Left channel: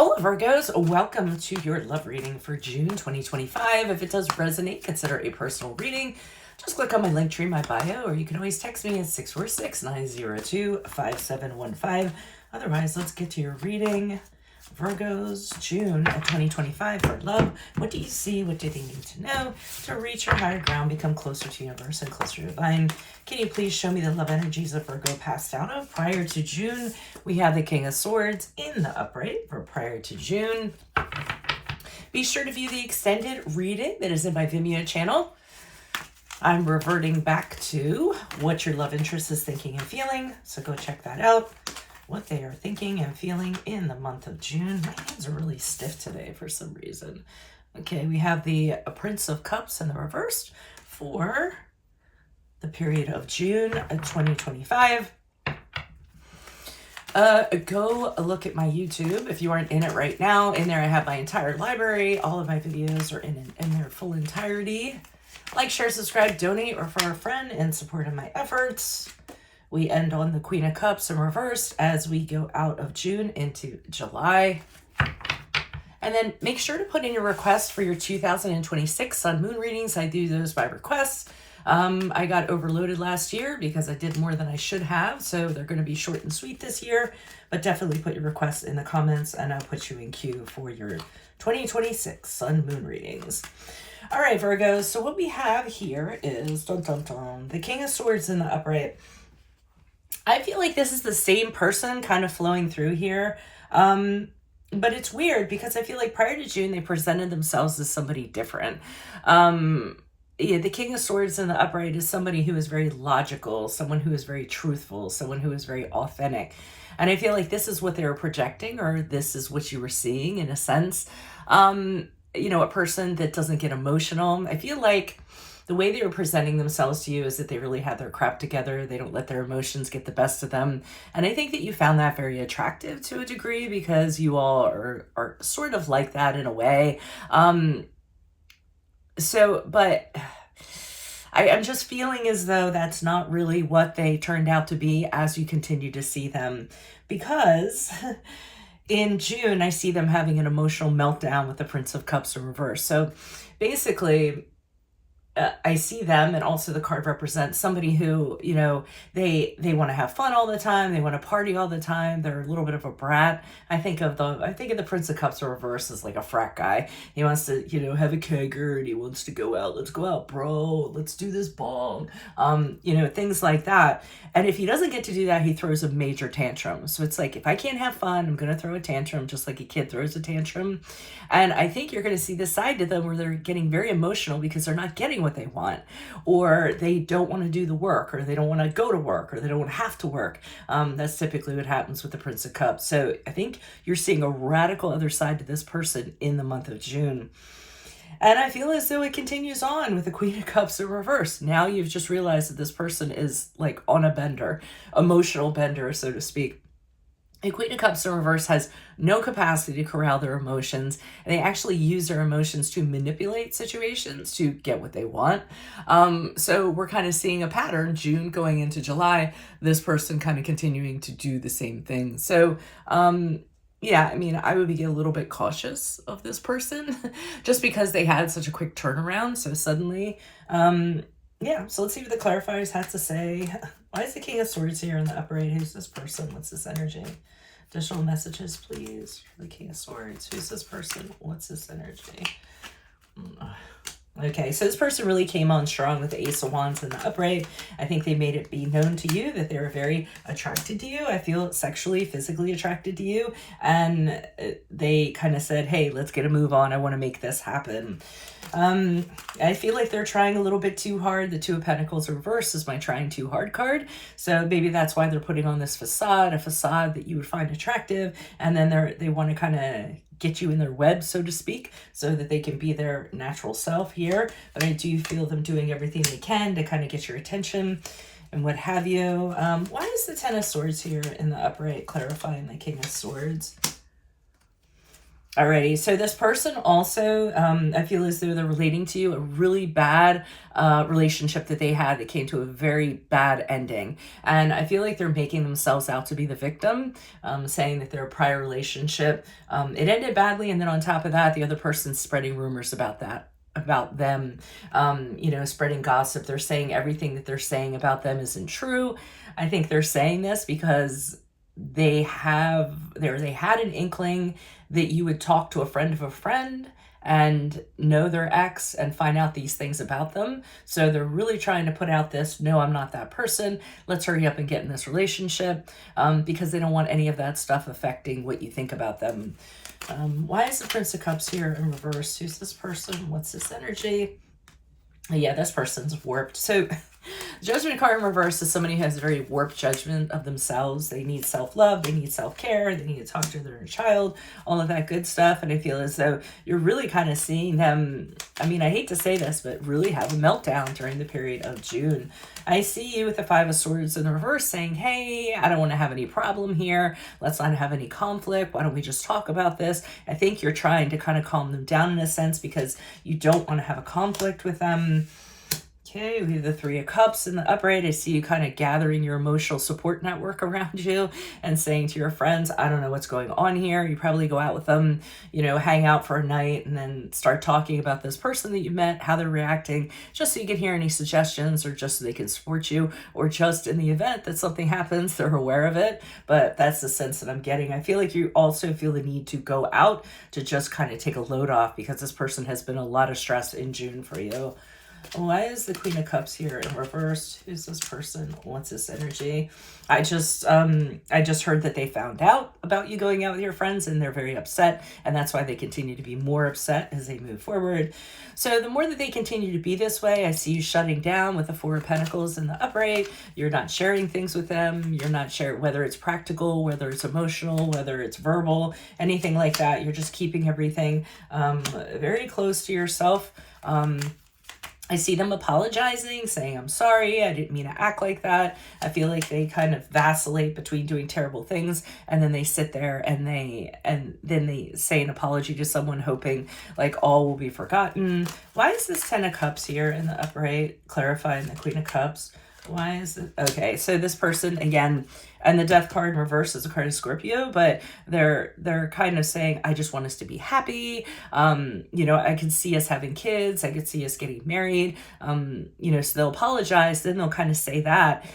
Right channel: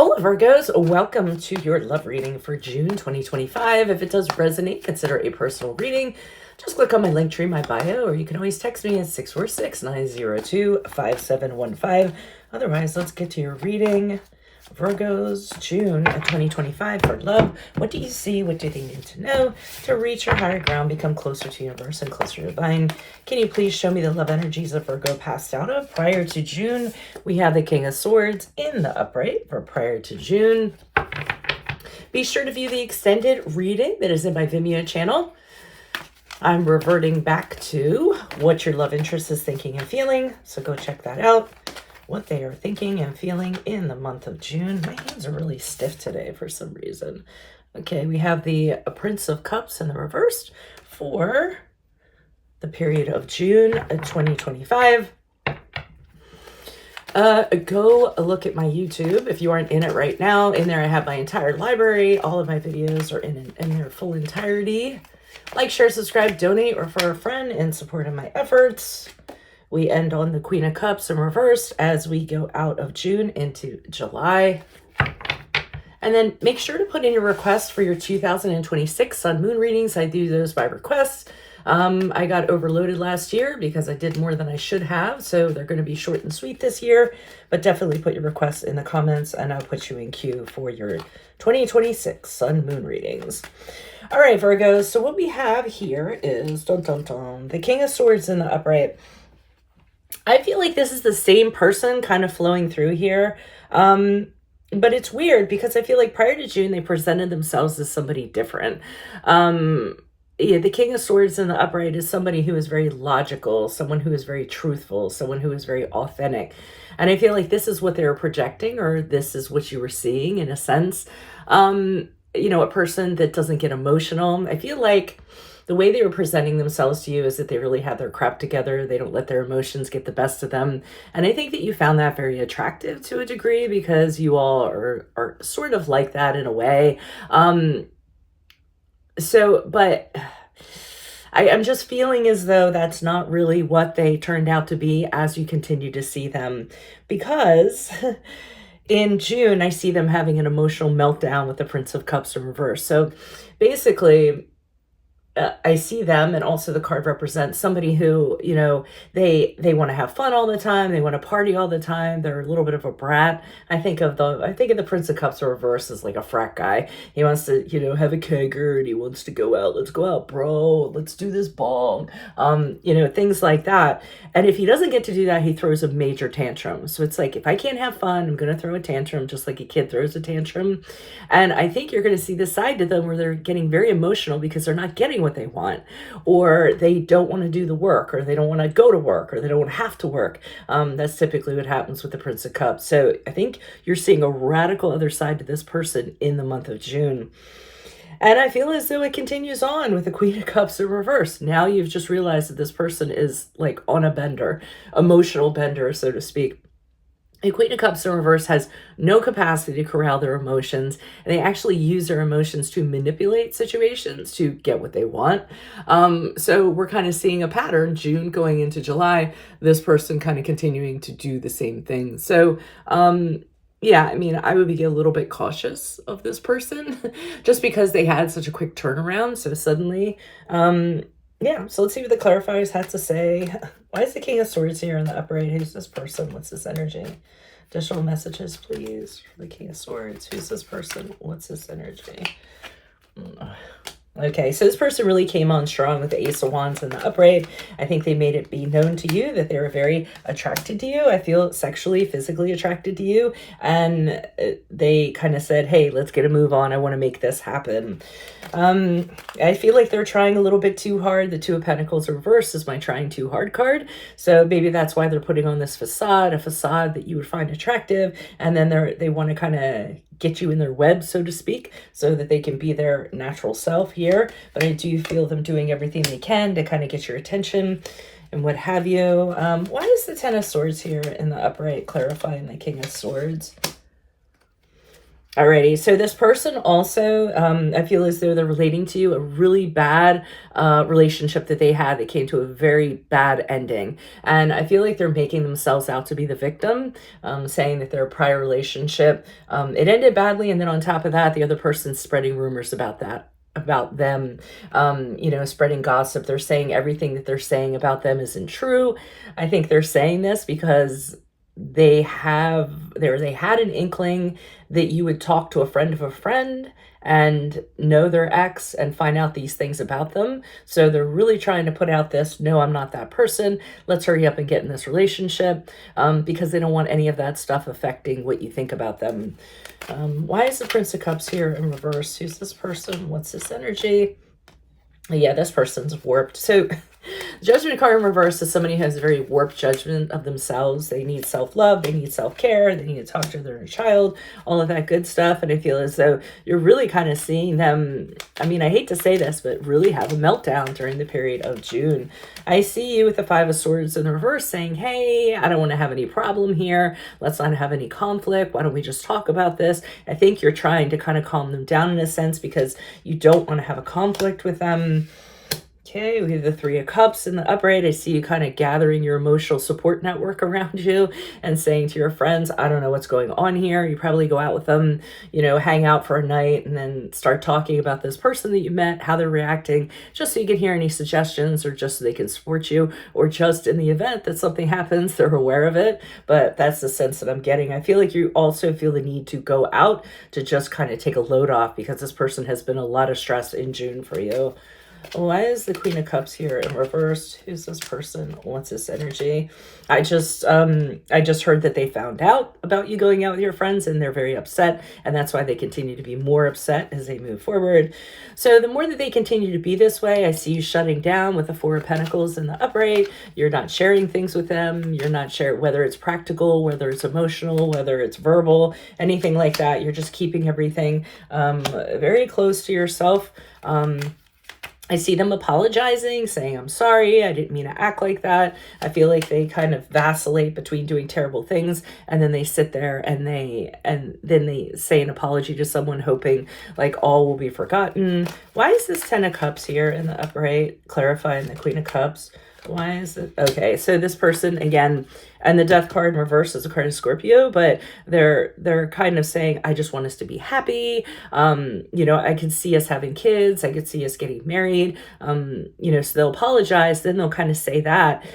Hola Virgos, welcome to your love reading for June 2025. If it does resonate, consider a personal reading. Just click on my link tree, my bio, or you can always text me at 646-902-5715. Otherwise, let's get to your reading. Virgos, June 2025 for love. What do you see? What do they need to know to reach your higher ground, become closer to universe and closer to divine? Can you please show me the love energies of Virgo passed out of prior to June? We have the King of Swords in the upright for prior to June. Be sure to view the extended reading that is in my Vimeo channel. I'm reverting back to what your love interest is thinking and feeling, so go check that out. What they are thinking and feeling in the month of June. My hands are really stiff today for some reason. Okay, we have the Prince of Cups in the reverse for the period of June 2025. Go look at my YouTube if you aren't in it right now. In there I have my entire library. All of my videos are in their full entirety. Like, share, subscribe, donate, or refer a friend in support of my efforts. We end on the Queen of Cups in reverse as we go out of June into July. And then make sure to put in your request for your 2026 Sun Moon readings. I do those by request. I got overloaded last year because I did more than I should have. So they're going to be short and sweet this year. But definitely put your requests in the comments and I'll put you in queue for your 2026 Sun Moon readings. All right, Virgos. So what we have here is the King of Swords in the upright. I feel like this is the same person kind of flowing through here. But it's weird because I feel like prior to June, they presented themselves as somebody different. The King of Swords in the upright is somebody who is very logical, someone who is very truthful, someone who is very authentic. And I feel like this is what they were projecting, or this is what you were seeing in a sense. A person that doesn't get emotional. I feel like the way they were presenting themselves to you is that they really have their crap together. They don't let their emotions get the best of them. And I think that you found that very attractive to a degree because you all are sort of like that in a way. But I'm just feeling as though that's not really what they turned out to be as you continue to see them. Because in June, I see them having an emotional meltdown with the Prince of Cups in reverse. So basically, I see them, and also the card represents somebody who, they want to have fun all the time. They want to party all the time. They're a little bit of a brat. I think of the Prince of Cups reverse as like a frat guy. He wants to, have a kegger and he wants to go out. Let's go out, bro. Let's do this bong. Things like that. And if he doesn't get to do that, he throws a major tantrum. So it's like, if I can't have fun, I'm going to throw a tantrum just like a kid throws a tantrum. And I think you're going to see this side to them where they're getting very emotional because they're not getting what they want, or they don't want to do the work, or they don't want to go to work, or they don't want to have to work. That's typically what happens with the Prince of Cups. So I think you're seeing a radical other side to this person in the month of June. And I feel as though it continues on with the Queen of Cups in reverse. Now you've just realized that this person is like on a bender, emotional bender, so to speak. The Queen of Cups in reverse has no capacity to corral their emotions, and they actually use their emotions to manipulate situations to get what they want. So we're kind of seeing a pattern, June going into July, this person kind of continuing to do the same thing. So, I would be a little bit cautious of this person just because they had such a quick turnaround. So suddenly, so let's see what the clarifiers have to say. Why is the King of Swords here in the upright? Who's this person? What's this energy? Additional messages, please, for the King of Swords. Who's this person? What's this energy? Okay, so this person really came on strong with the Ace of Wands in the upright. I think they made it be known to you that they were very attracted to you. I feel sexually, physically attracted to you. And they kind of said, hey, let's get a move on. I want to make this happen. I feel like they're trying a little bit too hard. The Two of Pentacles reverse is my trying too hard card. So maybe that's why they're putting on this facade, a facade that you would find attractive. And then they want to kind of get you in their web, so to speak, so that they can be their natural self here. But I do feel them doing everything they can to kind of get your attention and what have you. Why is the Ten of Swords here in the upright clarifying the King of Swords? Alrighty, so this person also, I feel as though they're relating to you a really bad relationship that they had that came to a very bad ending. And I feel like they're making themselves out to be the victim, saying that their prior relationship, it ended badly. And then on top of that, the other person's spreading rumors about that, about them, spreading gossip. They're saying everything that they're saying about them isn't true. I think they're saying this because they had an inkling that you would talk to a friend of a friend and know their ex and find out these things about them. So they're really trying to put out this, no, I'm not that person. Let's hurry up and get in this relationship, because they don't want any of that stuff affecting what you think about them. Why is the Prince of Cups here in reverse? Who's this person? What's this energy? Yeah, this person's warped. So Judgment card in reverse is somebody who has a very warped judgment of themselves. They need self-love, they need self-care, they need to talk to their inner child, all of that good stuff. And I feel as though you're really kind of seeing them, I mean, I hate to say this, but really have a meltdown during the period of June. I see you with the Five of Swords in reverse saying, hey, I don't want to have any problem here. Let's not have any conflict. Why don't we just talk about this? I think you're trying to kind of calm them down in a sense because you don't want to have a conflict with them. Okay, we have the Three of Cups in the upright. I see you kind of gathering your emotional support network around you and saying to your friends, I don't know what's going on here. You probably go out with them, hang out for a night and then start talking about this person that you met, how they're reacting, just so you can hear any suggestions or just so they can support you, or just in the event that something happens, they're aware of it. But that's the sense that I'm getting. I feel like you also feel the need to go out to just kind of take a load off because this person has been a lot of stress in June for you. Why is the Queen of Cups here in reverse? Who's this person? What's this energy? I just heard that they found out about you going out with your friends and they're very upset, and that's why they continue to be more upset as they move forward. So the more that they continue to be this way, I see you shutting down with the Four of Pentacles in the upright. You're not sharing things with them. You're not sharing, whether it's practical, whether it's emotional, whether it's verbal, anything like that. You're just keeping everything very close to yourself. I see them apologizing, saying, I'm sorry, I didn't mean to act like that. I feel like they kind of vacillate between doing terrible things, and then they sit there and then they say an apology to someone, hoping like all will be forgotten. Why is this Ten of Cups here in the upright, clarifying the Queen of Cups? Why is it? Okay, so this person, again, and the Death card in reverse is a card of Scorpio, but they're kind of saying, I just want us to be happy. I could see us having kids. I could see us getting married. So they'll apologize. Then they'll kind of say that.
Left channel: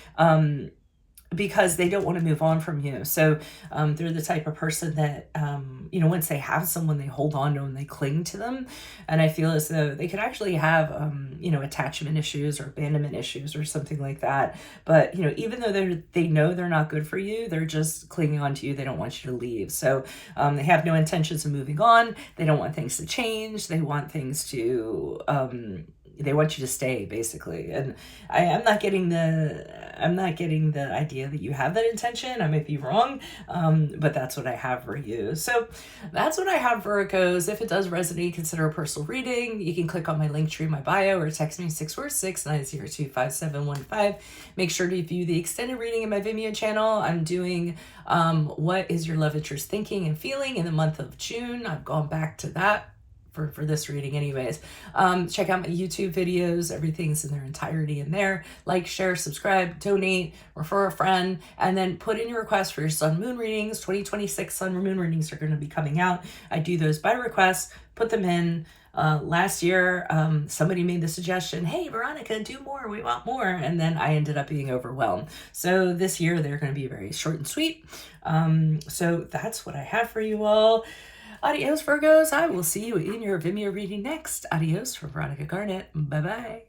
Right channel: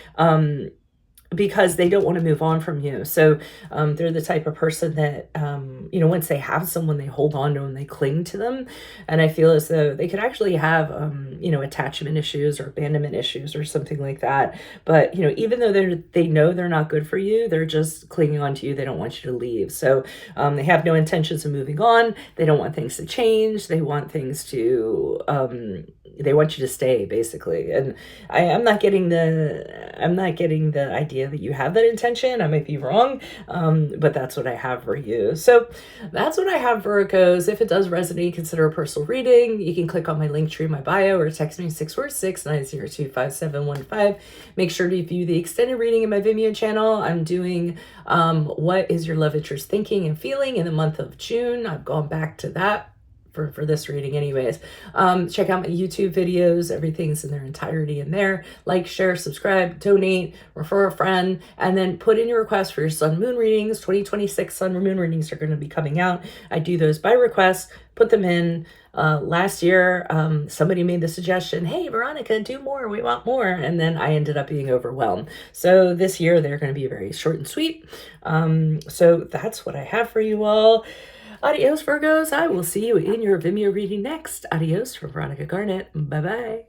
Because they don't want to move on from you. So they're the type of person that, once they have someone, they hold on to and they cling to them. And I feel as though they could actually have, attachment issues or abandonment issues or something like that. But, even though they know they're not good for you, they're just clinging on to you. They don't want you to leave. So they have no intentions of moving on. They don't want things to change. They want things to, they want you to stay, basically. And I'm not getting the idea that you have that intention. I might be wrong, but that's what I have for you. So that's what I have, Virgos. If it does resonate, consider a personal reading. You can click on my link tree in my bio or text me 646-902-5715. Make sure to view the extended reading in my Vimeo channel. I'm doing what is your love interest thinking and feeling in the month of June. I've gone back to that for this reading anyways. Check out my YouTube videos. Everything's in their entirety in there. Like, share, subscribe, donate, refer a friend, and then put in your request for your sun moon readings. 2026 sun moon readings are going to be coming out. I do those by request, put them in. Last year, somebody made the suggestion, hey, Veronica, do more. We want more. And then I ended up being overwhelmed. So this year, they're going to be very short and sweet. So that's what I have for you all. Adios, Virgos. I will see you in your Vimeo reading next. Adios from Veronica Garnett. Bye-bye.